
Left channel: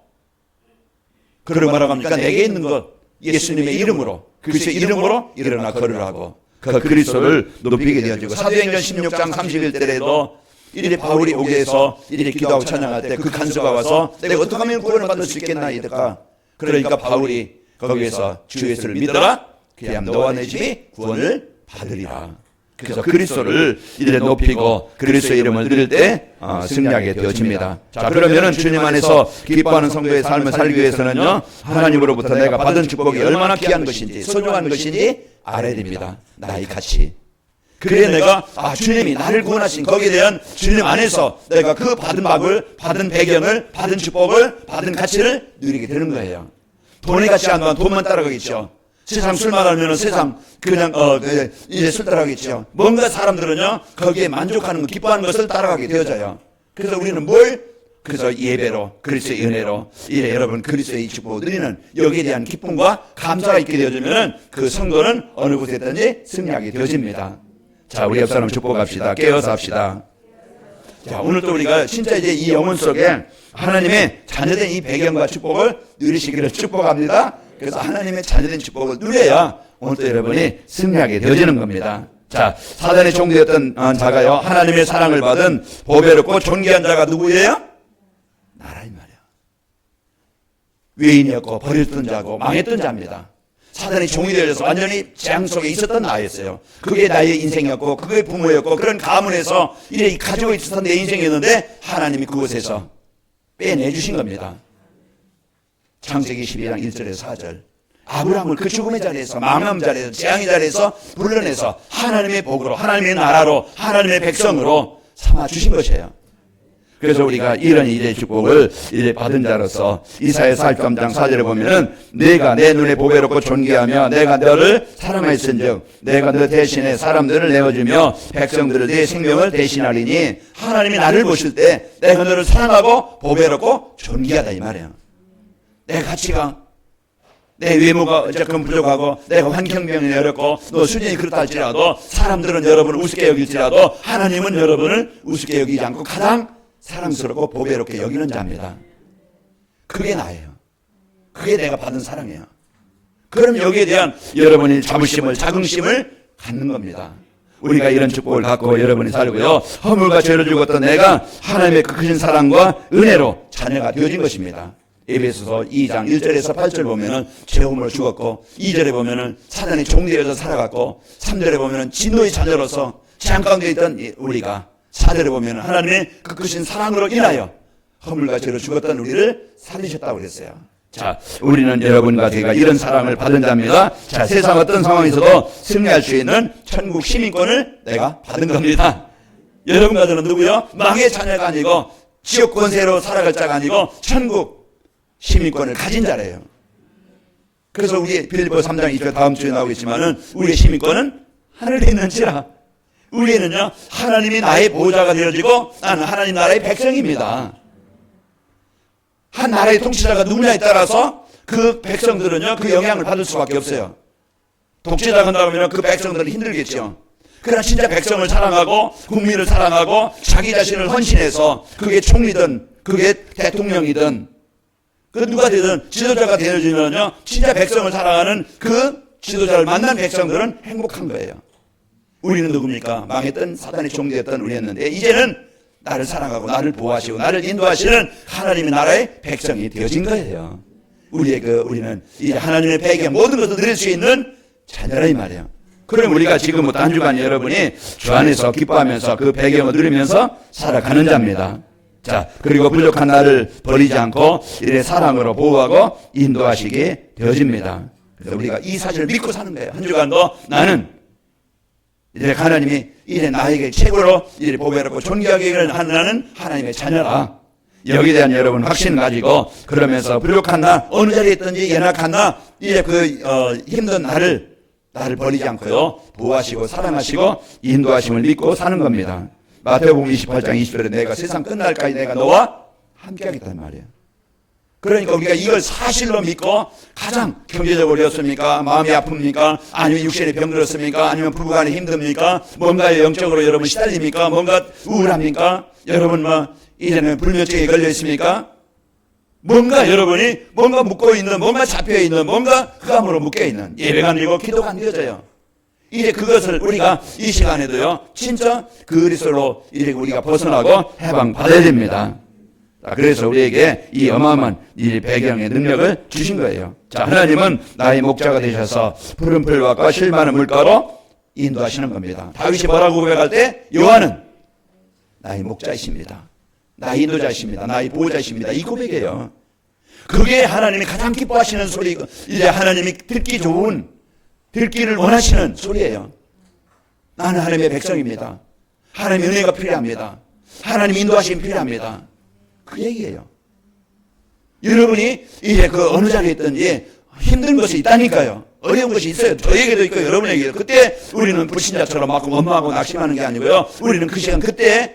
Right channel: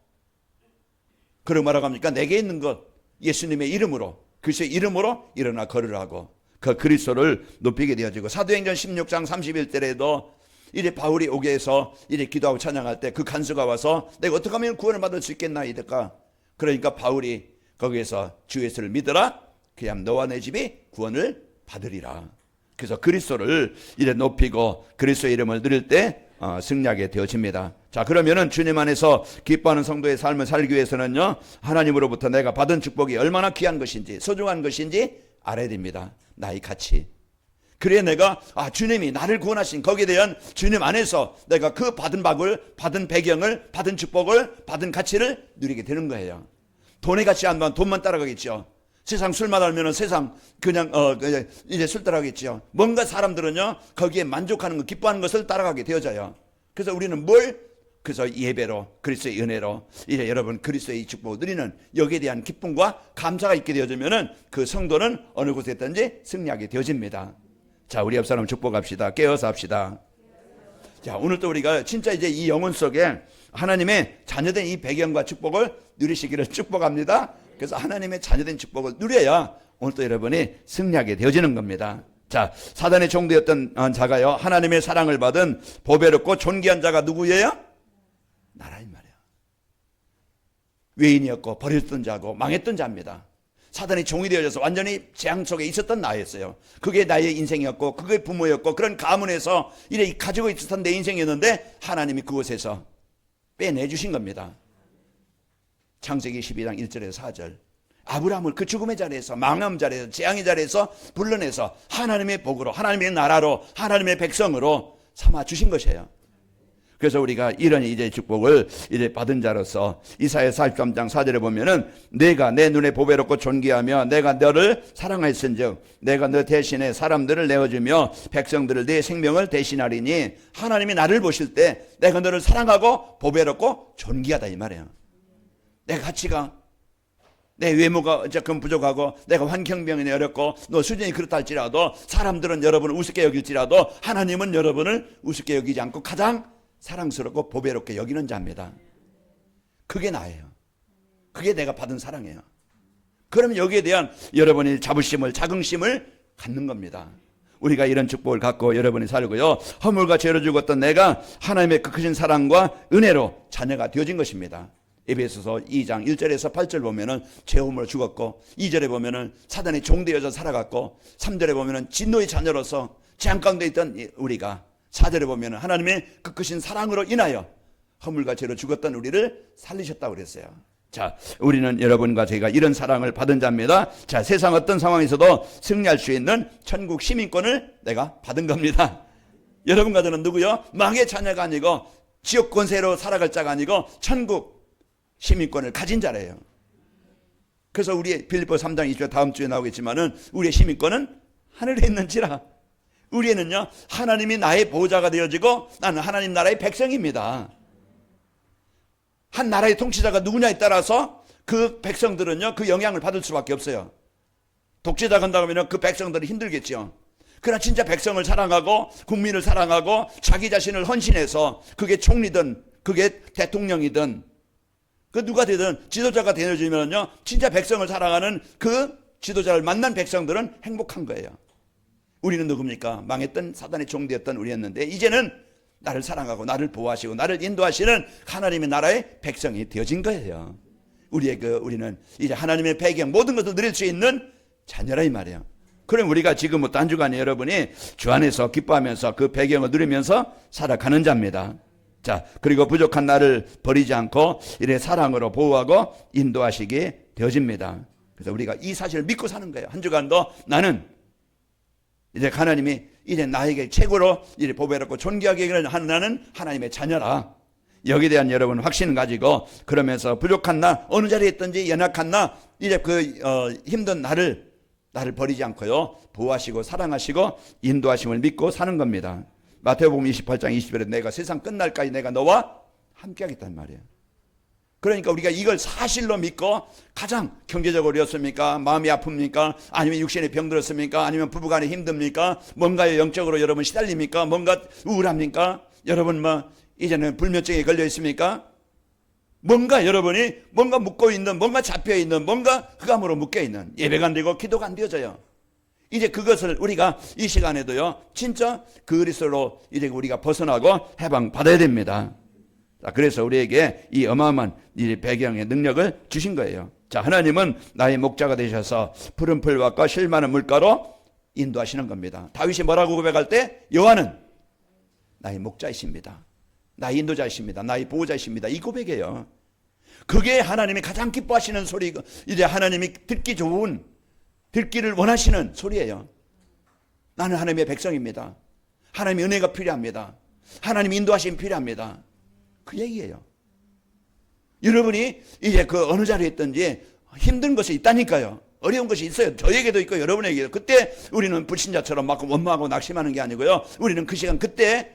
그를 말합니까? 내게 있는 것 예수님의 이름으로 그리스도의 이름으로 일어나 걸으라고 그 그리스도를 높이게 되어지고 사도행전 16장 31절에도 이래 바울이 오게해서 이래 기도하고 찬양할 때 그 간수가 와서 내가 어떻게 하면 구원을 받을 수 있겠나 이랬까. 그러니까 바울이 거기에서 주 예수를 믿어라. 그냥 너와 내 집이 구원을 받으리라. 그래서 그리스도를 이래 높이고 그리스도의 이름을 드릴 때 승리하게 되어집니다. 자, 그러면은 주님 안에서 기뻐하는 성도의 삶을 살기 위해서는요, 하나님으로부터 내가 받은 축복이 얼마나 귀한 것인지 소중한 것인지 알아야 됩니다. 나의 가치. 그래야 내가 주님이 나를 구원하신 거기에 대한 주님 안에서 내가 그 받은 밥을, 받은 배경을, 받은 축복을, 받은 가치를 누리게 되는 거예요. 돈의 가치 안 나면 돈만 따라가겠죠. 세상 술만 하면 세상 그냥 이제 술 따라가겠죠. 뭔가 사람들은요 거기에 만족하는 기뻐하는 것을 따라가게 되어져요. 그래서 우리는 그래서 예배로 그리스도의 은혜로 여러분 그리스도의 축복을 누리는 여기에 대한 기쁨과 감사가 있게 되어지면은 그 성도는 어느 곳에 있든지 승리하게 되어집니다. 자, 우리 옆 사람 축복합시다. 깨어서 합시다. 자, 오늘도 우리가 진짜 이제 이 영혼 속에 하나님의 자녀된 이 배경과 축복을 누리시기를 축복합니다. 그래서 하나님의 자녀된 축복을 누려야 오늘도 여러분이 승리하게 되어지는 겁니다. 자, 사단의 종되었던 자가요, 하나님의 사랑을 받은 보배롭고 존귀한 자가 누구예요? 나라 이 말이야. 외인이었고 버렸던 자고 망했던 자입니다. 사단의 종이 되어서 완전히 재앙 속에 있었던 나였어요. 그게 나의 인생이었고 그게 부모였고 그런 가문에서 이래 가지고 있었던 내 인생이었는데 하나님이 그곳에서 빼내주신 겁니다. 창세기 12장 1절에서 4절. 아브라함을 그 죽음의 자리에서, 망함 자리에서, 재앙의 자리에서 불러내서 하나님의 복으로, 하나님의 나라로, 하나님의 백성으로 삼아주신 것이에요. 그래서 우리가 이런 이제 축복을 이제 받은 자로서 이사야 43장 4절에 보면은 내가 내 눈에 보배롭고 존귀하며 내가 너를 사랑하였은즉 내가 너 대신에 사람들을 내어주며 백성들을 내 생명을 대신하리니 하나님이 나를 보실 때 내가 너를 사랑하고 보배롭고 존귀하다 이 말이에요. 내 가치가, 내 외모가 어쨌건 부족하고 내가 환경병이 어렵고 너 수준이 그렇다 할지라도 사람들은 여러분을 우습게 여길지라도 하나님은 여러분을 우습게 여기지 않고 가장 사랑스럽고 보배롭게 여기는 자입니다. 그게 나예요. 그게 내가 받은 사랑이에요. 그런 여기에 대한 여러분이 자부심을, 자긍심을 갖는 겁니다. 우리가 이런 축복을 갖고 여러분이 살고요, 허물과 죄를 죽었던 내가 하나님의 그 크신 사랑과 은혜로 자녀가 되어진 것입니다. 에베소서 2장 1절에서 8절 보면은 죄음으로 죽었고, 2절에 보면은 사단의 종되어서 살아갔고, 3절에 보면은 진노의 자녀로서 재앙 가운데 있던 우리가, 4절에 보면은 하나님의 그 크신 사랑으로 인하여 허물과 죄로 죽었던 우리를 살리셨다고 그랬어요. 자, 우리는 여러분과 제가 이런 사랑을 받은 자입니다. 자, 세상 어떤 상황에서도 승리할 수 있는 천국 시민권을 내가 받은 겁니다. 여러분과 저는 누구요? 망의 자녀가 아니고 지옥 권세로 살아갈 자가 아니고 천국 시민권을 가진 자래요. 그래서 우리 빌립보 3장 2절 다음 주에 나오겠지만은 우리의 시민권은 하늘에 있는지라. 우리는요 하나님이 나의 보호자가 되어지고 나는 하나님 나라의 백성입니다. 한 나라의 통치자가 누구냐에 따라서 그 백성들은요 그 영향을 받을 수밖에 없어요. 독재자가 한다면요 그 백성들은 힘들겠죠. 그러나 진짜 백성을 사랑하고 국민을 사랑하고 자기 자신을 헌신해서 그게 총리든 그게 대통령이든 그 누가 되든 지도자가 되어지면요 진짜 백성을 사랑하는 그 지도자를 만난 백성들은 행복한 거예요. 우리는 누굽니까? 망했던 사단의 종되었던 우리였는데 이제는 나를 사랑하고 나를 보호하시고 나를 인도하시는 하나님의 나라의 백성이 되어진 거예요. 우리는 이제 하나님의 배경 모든 것을 누릴 수 있는 자녀라 이 말이에요. 그럼 우리가 지금부터 한 주간 여러분이 주 안에서 기뻐하면서 그 배경을 누리면서 살아가는 자입니다. 자, 그리고 부족한 나를 버리지 않고 이래 사랑으로 보호하고 인도하시게 되어집니다. 그래서 우리가 이 사실을 믿고 사는 거예요. 한 주간도 나는 이제 하나님이 이제 나에게 최고로 이제 보배롭고 존귀하게 하는 하나님의 자녀라. 여기에 대한 여러분 확신을 가지고 그러면서 부족한 나, 어느 자리에 있든지 연약한 나, 이제 힘든 나를 버리지 않고요 보호하시고 사랑하시고 인도하심을 믿고 사는 겁니다. 마태복음 28장 20절에 내가 세상 끝날까지 내가 너와 함께하겠다는 말이에요. 그러니까 우리가 이걸 사실로 믿고 가장 경제적으로 어렵습니까? 마음이 아픕니까? 아니면 육신에 병들었습니까? 아니면 부부간에 힘듭니까? 뭔가 영적으로 여러분 시달립니까? 뭔가 우울합니까? 여러분 이제는 불면증에 걸려 있습니까? 뭔가 여러분이 뭔가 묶고 있는, 뭔가 잡혀 있는, 뭔가 흑암으로 묶여 있는 예배가 안 되고 기도가 안 되어져요. 이제 그것을 우리가 이 시간에도요, 진짜 그리스도로 이제 우리가 벗어나고 해방받아야 됩니다. 자, 그래서 우리에게 이 어마어마한 이 배경의 능력을 주신 거예요. 자, 하나님은 나의 목자가 되셔서 푸른 풀밭과 실 많은 물가로 인도하시는 겁니다. 다윗이 뭐라고 고백할 때? 여호와는 나의 목자이십니다. 나의 인도자이십니다. 나의 보호자이십니다. 이 고백이에요. 그게 하나님이 가장 기뻐하시는 소리, 이제 하나님이 듣기 좋은, 듣기를 원하시는 소리예요. 나는 하나님의 백성입니다. 하나님의 은혜가 필요합니다. 하나님의 인도하심이 필요합니다. 그 얘기예요. 여러분이 이제 그 어느 자리에 있든지 힘든 것이 있다니까요. 어려운 것이 있어요. 저에게도 있고 여러분에게도. 그때 우리는 불신자처럼 막 원망하고 낙심하는 게 아니고요. 우리는 그 시간 그때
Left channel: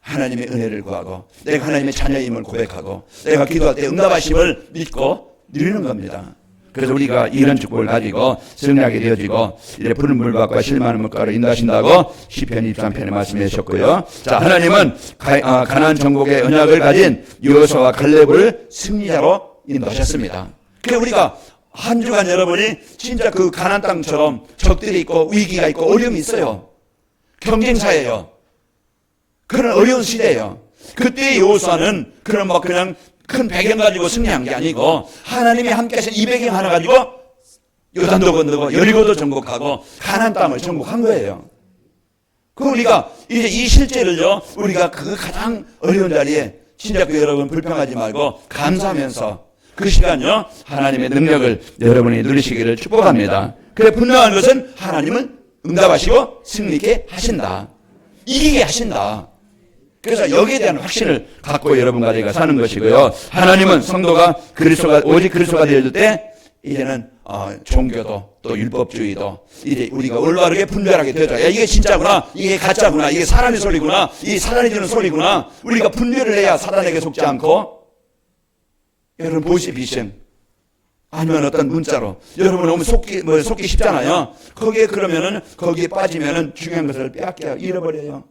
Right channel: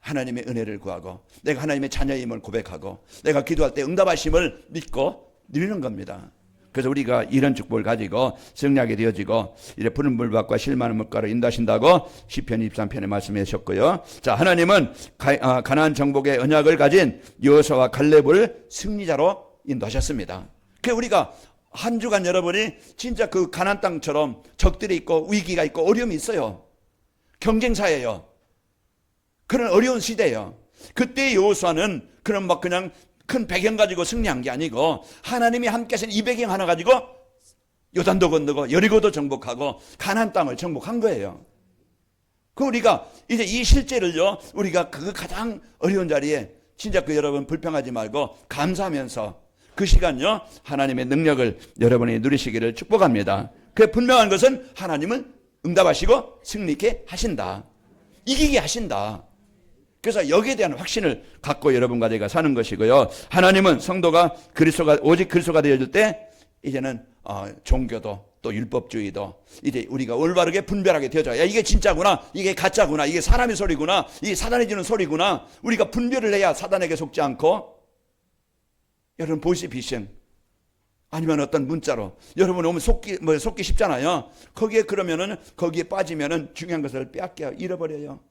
하나님의 은혜를 구하고 내가 하나님의 자녀임을 고백하고 내가 기도할 때 응답하심을 믿고 누리는 겁니다. 그래서 우리가 이런 축복을 가지고 승리하게 되어지고 이제 푸른 물밭과 실 많은 물가를 인도하신다고 시편 23편에 말씀해 주셨고요. 자, 하나님은 가나안 정복의 언약을 가진 여호수아와 갈렙을 승리자로 인도하셨습니다. 그래서 우리가 한 주간 여러분이 진짜 그 가나안 땅처럼 적들이 있고 위기가 있고 어려움이 있어요. 경쟁사예요. 그런 어려운 시대예요. 그때 여호수아는 그런 뭐 그냥 큰 배경 가지고 승리한 게 아니고 하나님이 함께 하신 이 배경 하나 가지고 요단도 건너고 여리고도 정복하고 가나안 땅을 정복한 거예요. 그 우리가 이제 이 실제를요, 우리가 그 가장 어려운 자리에 진짜 그 여러분 불평하지 말고 감사하면서 그 시간요, 하나님의 능력을 여러분이 누리시기를 축복합니다. 그래, 분명한 것은 하나님은 응답하시고 승리케 하신다. 이기게 하신다. 그래서 여기에 대한 확신을 갖고 여러분과 제가 사는 것이고요. 하나님은 성도가 오직 그리스도가 될 때 이제는 종교도 또 율법주의도 이제 우리가 올바르게 분별하게 되어져요. 이게 진짜구나, 이게 가짜구나, 이게 사람의 소리구나, 이게 사단이 주는 소리구나. 우리가 분별을 해야 사단에게 속지 않고, 여러분 보이시피싱 아니면 어떤 문자로 여러분 너무 속기 쉽잖아요. 거기에 그러면은 거기에 빠지면은 중요한 것을 빼앗겨 잃어버려요.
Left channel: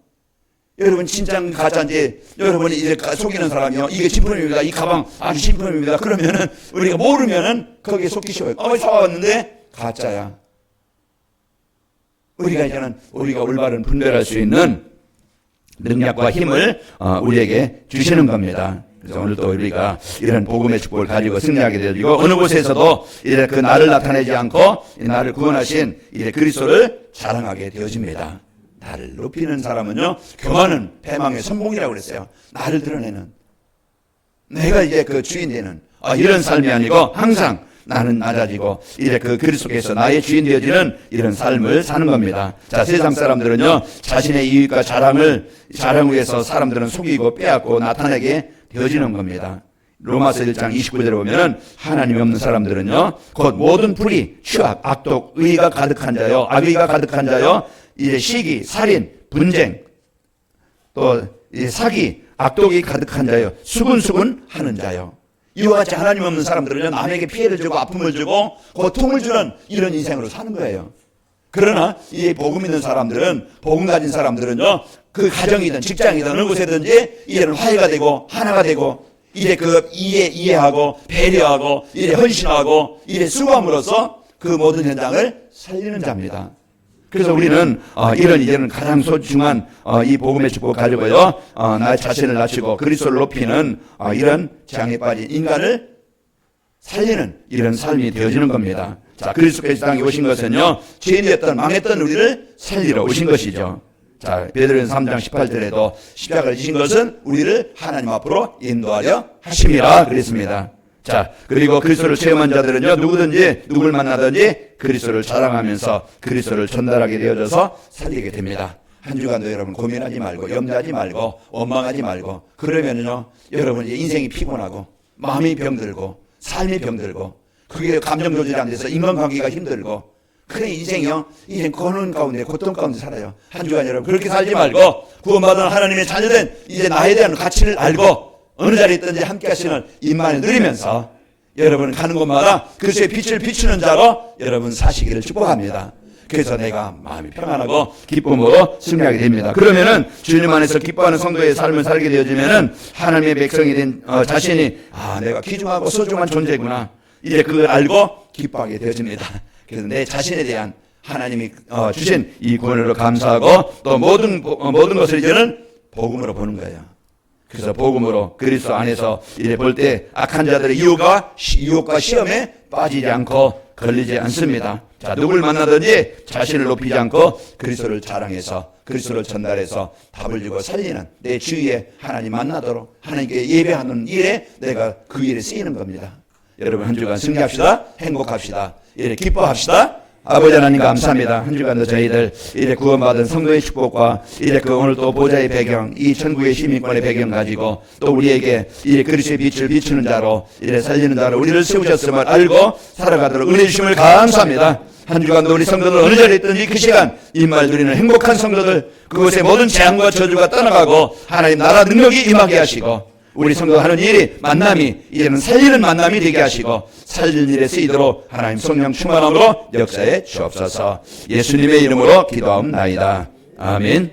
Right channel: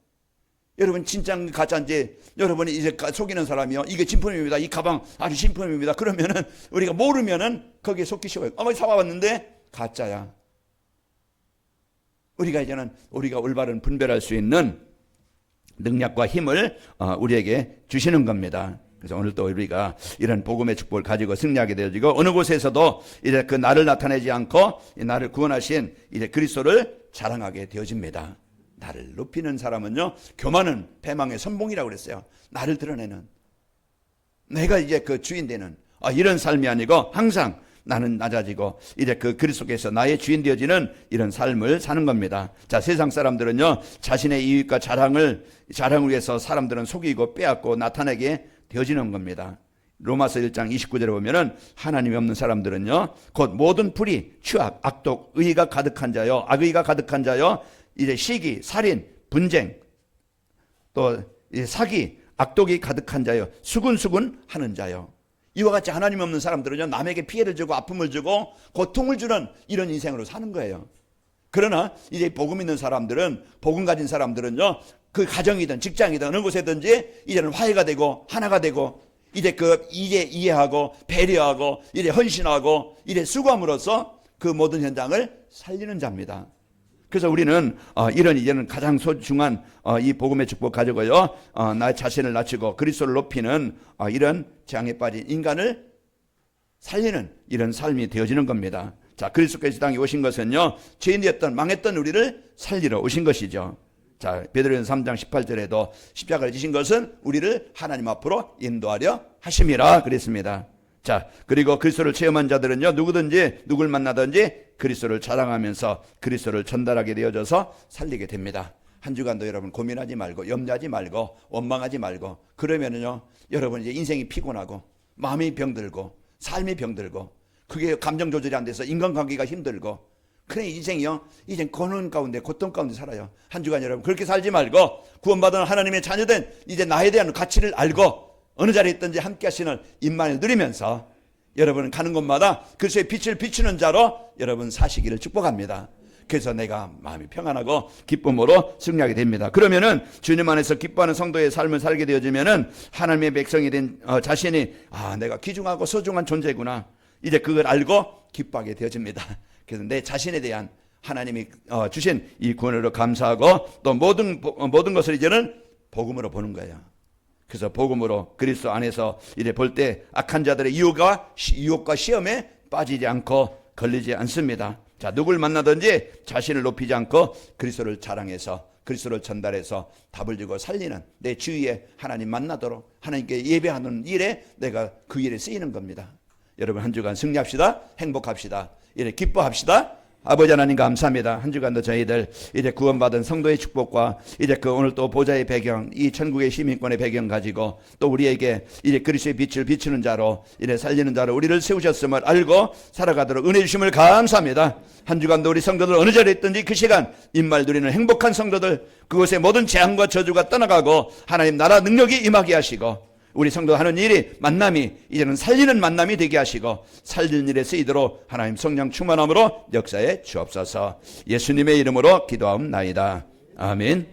여러분 진짜인지 가짜인지 여러분이 이제 속이는 사람이요, 이게 진품입니다, 이 가방 아니 진품입니다, 그러면은 우리가 모르면은 거기에 속기 쉬워요. 사왔는데 가짜야. 우리가 이제는 우리가 올바른 분별할 수 있는 능력과 힘을 우리에게 주시는 겁니다. 그래서 오늘도 우리가 이런 복음의 축복을 가지고 승리하게 되어지고 어느 곳에서도 이제 그 나를 나타내지 않고 나를 구원하신 이제 그리스도를 자랑하게 되어집니다. 나를 높이는 사람은요, 교만은 패망의 선봉이라고 그랬어요. 나를 드러내는, 내가 이제 그 주인 되는 이런 삶이 아니고 항상 나는 낮아지고 이제 그 그리스도께서 나의 주인 되어지는 이런 삶을 사는 겁니다. 자, 세상 사람들은요, 자신의 이익과 자랑을 위해서 사람들은 속이고 빼앗고 나타내게 되어지는 겁니다. 로마서 1장 29절에 보면은 하나님 없는 사람들은요, 곧 모든 불의, 취악, 악독, 의가 가득한 자요, 악의가 가득한 자요, 이제 시기, 살인, 분쟁, 또 사기, 악독이 가득한 자요, 수군수군 하는 자요. 이와 같이 하나님 없는 사람들은요, 남에게 피해를 주고 아픔을 주고 고통을 주는 이런 인생으로 사는 거예요. 그러나 이제 복음 있는 사람들은, 복음 가진 사람들은요, 그 가정이든 직장이든 어느 곳에든지 이제는 화해가 되고 하나가 되고 이제 이해하고 배려하고 이제 헌신하고 이제 수고함으로써 그 모든 현장을 살리는 자입니다. 그래서 우리는 이제는 가장 소중한 이 복음의 축복을 가지고요, 나의 자신을 낮추고 그리스도를 높이는 이런 재앙에 빠진 인간을 살리는 이런 삶이 되어지는 겁니다. 자, 그리스도께서 땅에 오신 것은요, 죄인이었던 망했던 우리를 살리러 오신 것이죠. 자, 베드로전서 3장 18절에도 십자가를 지신 것은 우리를 하나님 앞으로 인도하려 하심이라 그랬습니다. 자, 그리고 그리스도를 체험한 자들은요, 누구든지 누구를 만나든지 그리스도를 자랑하면서 그리스도를 전달하게 되어져서 살리게 됩니다. 한 주간도 여러분 고민하지 말고 염려하지 말고 원망하지 말고 그러면요, 여러분 이제 인생이 피곤하고 마음이 병들고 삶이 병들고 그게 감정 조절이 안 돼서 인간관계가 힘들고 그래 인생이요, 이제 고난 가운데 고통 가운데 살아요. 한 주간 여러분 그렇게 살지 말고 구원받은 하나님의 자녀된 이제 나에 대한 가치를 알고 어느 자리에 있든지 함께 하시는 임만을 누리면서 여러분 가는 곳마다 그리스도의 빛을 비추는 자로 여러분 사시기를 축복합니다. 그래서 내가 마음이 평안하고 기쁨으로 승리하게 됩니다. 그러면은 주님 안에서 기뻐하는 성도의 삶을 살게 되어지면은 하나님의 백성이 된 자신이 내가 귀중하고 소중한 존재구나, 이제 그걸 알고 기뻐하게 되어집니다. 그래서 내 자신에 대한 하나님이 주신 이 구원으로 감사하고 또 모든 것을 이제는 복음으로 보는 거예요. 그래서 복음으로 그리스도 안에서 이래 볼 때 악한 자들의 유혹과 시험에 빠지지 않고 걸리지 않습니다. 자, 누굴 만나든지 자신을 높이지 않고 그리스도를 자랑해서 그리스도를 전달해서 답을 주고 살리는 내 주위에 하나님 만나도록 하나님께 예배하는 일에 내가 그 일에 쓰이는 겁니다. 여러분 한 주간 승리합시다. 행복합시다. 이래 기뻐합시다. 아버지 하나님 감사합니다. 한 주간도 저희들 이제 구원받은 성도의 축복과 이제 그 오늘 또 보좌의 배경, 이 천국의 시민권의 배경 가지고 또 우리에게 이제 그리스도의 빛을 비추는 자로 이제 살리는 자로 우리를 세우셨음을 알고 살아가도록 은혜 주심을 감사합니다. 한 주간도 우리 성도들 어느 자리에 있든지 그 시간 일말 누리는 행복한 성도들, 그곳의 모든 재앙과 저주가 떠나가고 하나님 나라 능력이 임하게 하시고 우리 성도 하는 일이 만남이 이제는 살리는 만남이 되게 하시고 살리는 일에 쓰이도록 하나님 성령 충만함으로 역사에 주옵소서. 예수님의 이름으로 기도하옵나이다. 아멘.